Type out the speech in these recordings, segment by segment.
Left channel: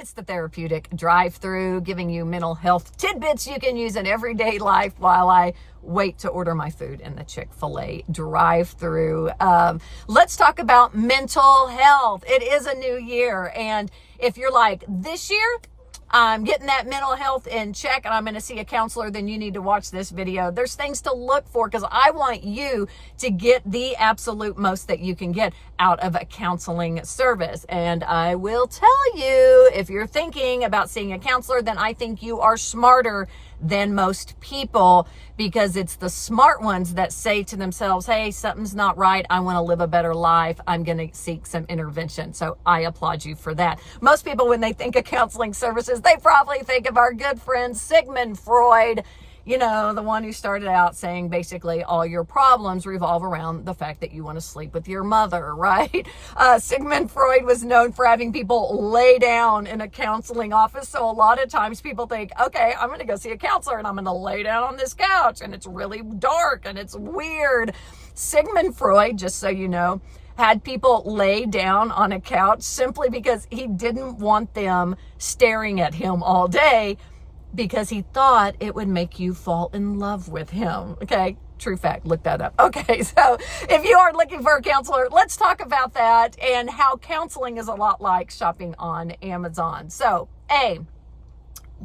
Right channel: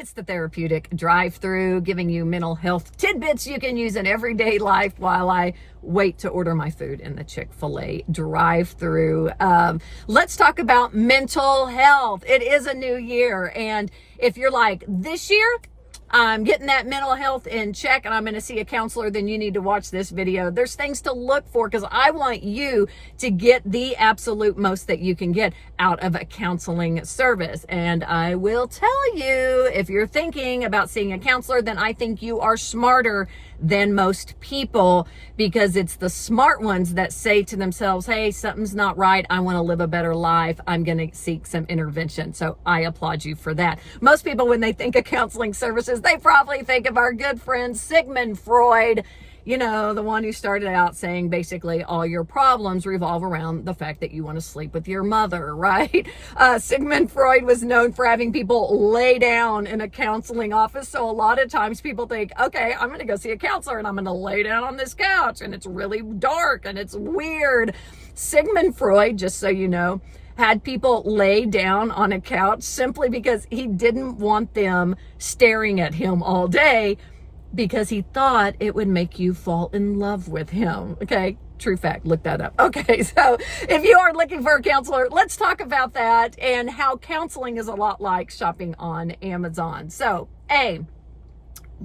It's the Therapeutic Drive-Thru, giving you mental health tidbits you can use in everyday life while I wait to order my food in the Chick-fil-A drive-thru. Let's talk about mental health. It is a new year, and if you're like, this year, I'm getting that mental health in check and I'm going to see a counselor, then you need to watch this video. There's things to look for because I want you to get the absolute most that you can get out of a counseling service. And I will tell you, if you're thinking about seeing a counselor, then I think you are smarter than most people, because it's the smart ones that say to themselves, hey, something's not right. I want to live a better life. I'm going to seek some intervention. So I applaud you for that. Most people, when they think of counseling services, they probably think of our good friend Sigmund Freud, you know, the one who started out saying basically all your problems revolve around the fact that you want to sleep with your mother, right? Sigmund Freud was known for having people lay down in a counseling office. So a lot of times people think, okay, I'm going to go see a counselor and I'm going to lay down on this couch and it's really dark and it's weird. Sigmund Freud, just so you know, had people lay down on a couch simply because he didn't want them staring at him all day, because he thought it would make you fall in love with him. Okay, true fact, look that up. Okay, so if you are looking for a counselor, let's talk about that and how counseling is a lot like shopping on Amazon. So,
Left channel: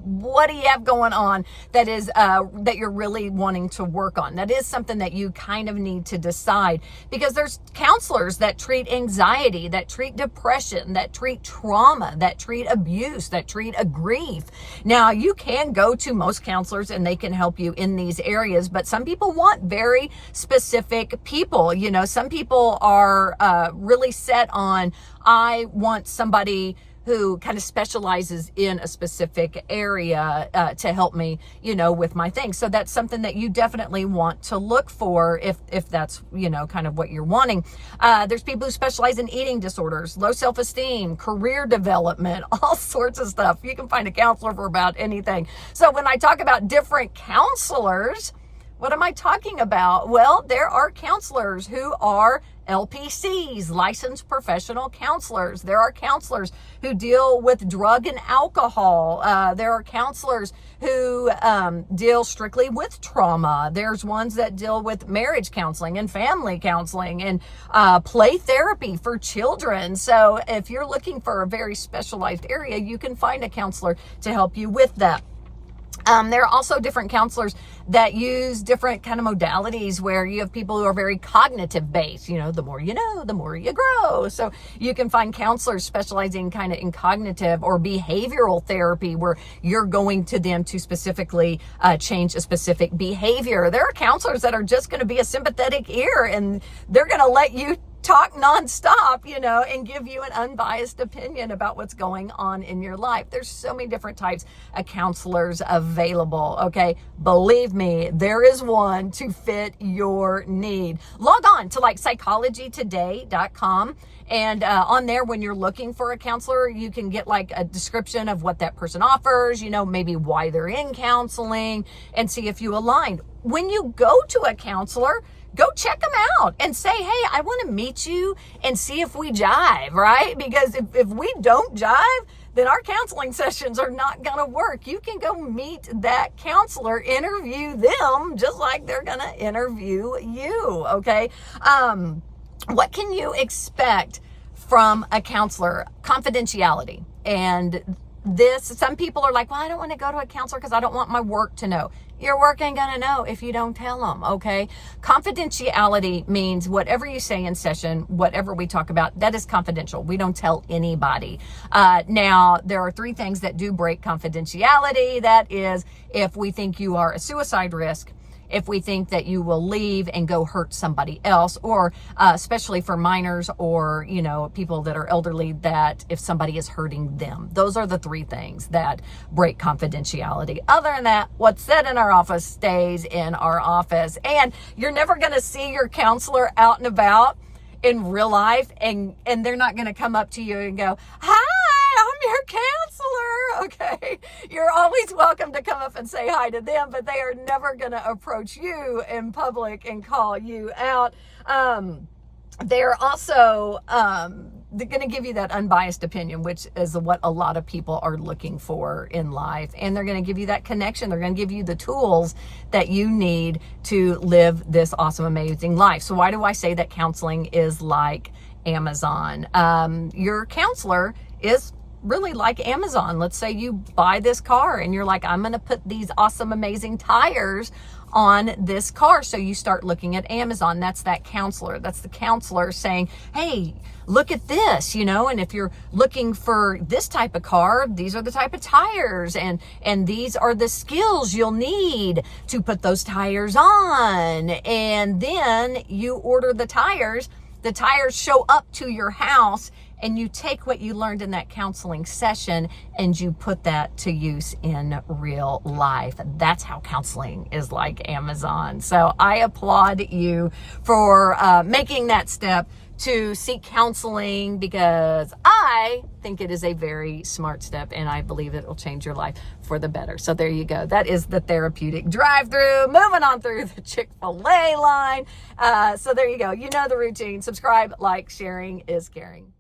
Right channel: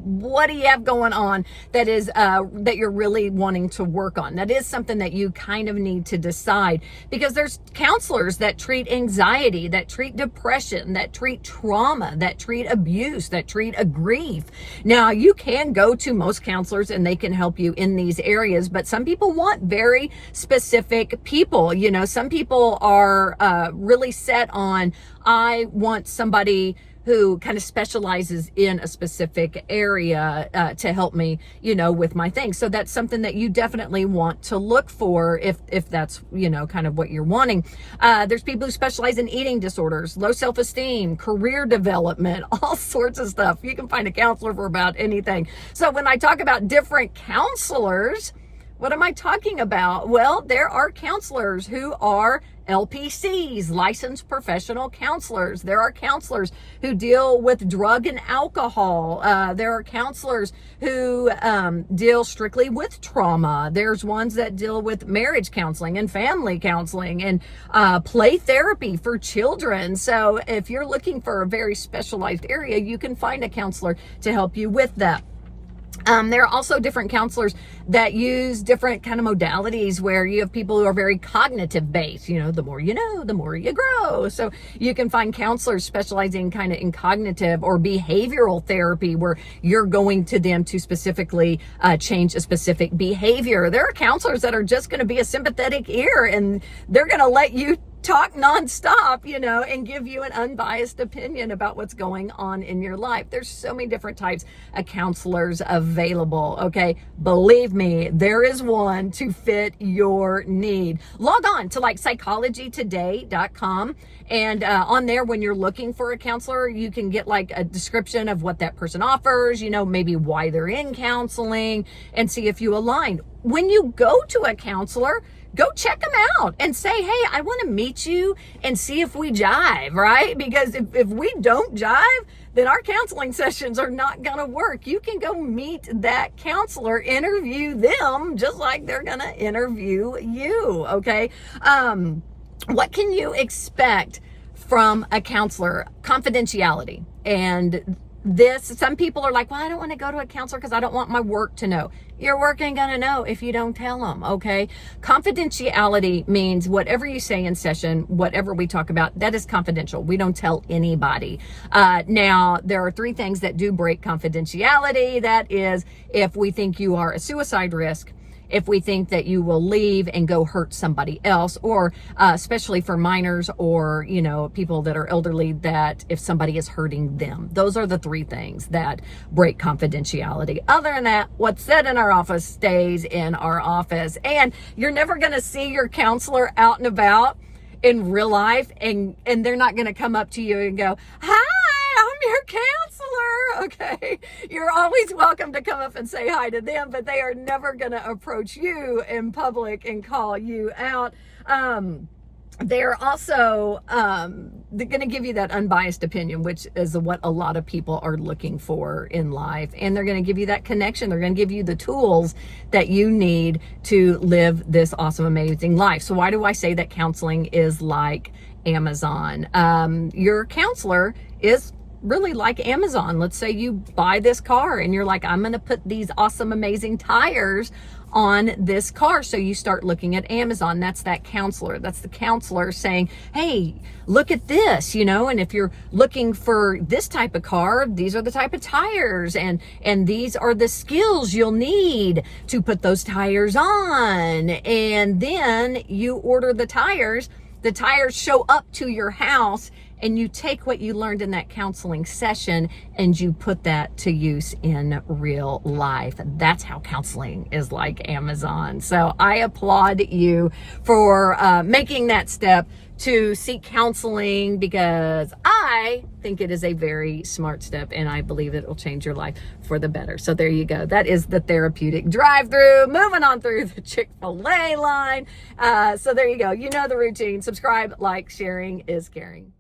what do you have going on that is that you're really wanting to work on? That is something that you kind of need to decide, because there's counselors that treat anxiety, that treat depression, that treat trauma, that treat abuse, that treat a grief. Now, you can go to most counselors and they can help you in these areas, but some people want very specific people. You know, some people are really set on, I want somebody who kind of specializes in a specific area to help me, you know, with my things. So that's something that you definitely want to look for if that's, you know, kind of what you're wanting. There's people who specialize in eating disorders, low self-esteem, career development, all sorts of stuff. You can find a counselor for about anything. So when I talk about different counselors, what am I talking about? Well, there are counselors who are LPCs, licensed professional counselors. There are counselors who deal with drug and alcohol. There are counselors who deal strictly with trauma. There's ones that deal with marriage counseling and family counseling and play therapy for children. So if you're looking for a very specialized area, you can find a counselor to help you with that. There are also different counselors that use different kind of modalities where you have people who are very cognitive based. You know, the more you know, the more you grow. So you can find counselors specializing kind of in cognitive or behavioral therapy, where you're going to them to specifically change a specific behavior. There are counselors that are just going to be a sympathetic ear and they're going to let you talk nonstop, you know, and give you an unbiased opinion about what's going on in your life. There's so many different types of counselors available. Okay. Believe me, there is one to fit your need. Log on to like psychologytoday.com. And on there, when you're looking for a counselor, you can get like a description of what that person offers, you know, maybe why they're in counseling, and see if you align. When you go to a counselor, go check them out and say, hey, I want to meet you and see if we jive, right? Because if we don't jive, then our counseling sessions are not going to work. You can go meet that counselor, interview them just like they're going to interview you, okay? What can you expect from a counselor? Confidentiality. And some people are like, well, I don't want to go to a counselor because I don't want my work to know. Your work ain't going to know if you don't tell them, okay? Confidentiality means whatever you say in session, whatever we talk about, that is confidential. We don't tell anybody. Now, there are 3 things that do break confidentiality. That is, if we think you are a suicide risk, if we think that you will leave and go hurt somebody else, or especially for minors or, you know, people that are elderly, that if somebody is hurting them. Those are the 3 things that break confidentiality. Other than that, what's said in our office stays in our office. And you're never going to see your counselor out and about in real life, and they're not going to come up to you and go, hi, I'm your counselor. Okay. You're always welcome to come up and say hi to them, but they are never going to approach you in public and call you out. they're also they're going to give you that unbiased opinion, which is what a lot of people are looking for in life. And they're going to give you that connection. They're going to give you the tools that you need to live this awesome, amazing life. So why do I say that counseling is like Amazon? Your counselor is really like Amazon. Let's say you buy this car and you're like, I'm going to put these awesome, amazing tires on this car. So you start looking at Amazon. That's that counselor. That's the counselor saying, hey, look at this, and if you're looking for this type of car, these are the type of tires, and these are the skills you'll need to put those tires on. And then you order the tires show up to your house, and you take what you learned in that counseling session and you put that to use in real life. That's how counseling is like Amazon. So I applaud you for making that step to seek counseling, because I think it is a very smart step, and I believe it will change your life for the better. So there you go. That is the Therapeutic Drive-Thru. Moving on through the Chick-fil-A line. So there you go. You know the routine. Subscribe, like, sharing is caring.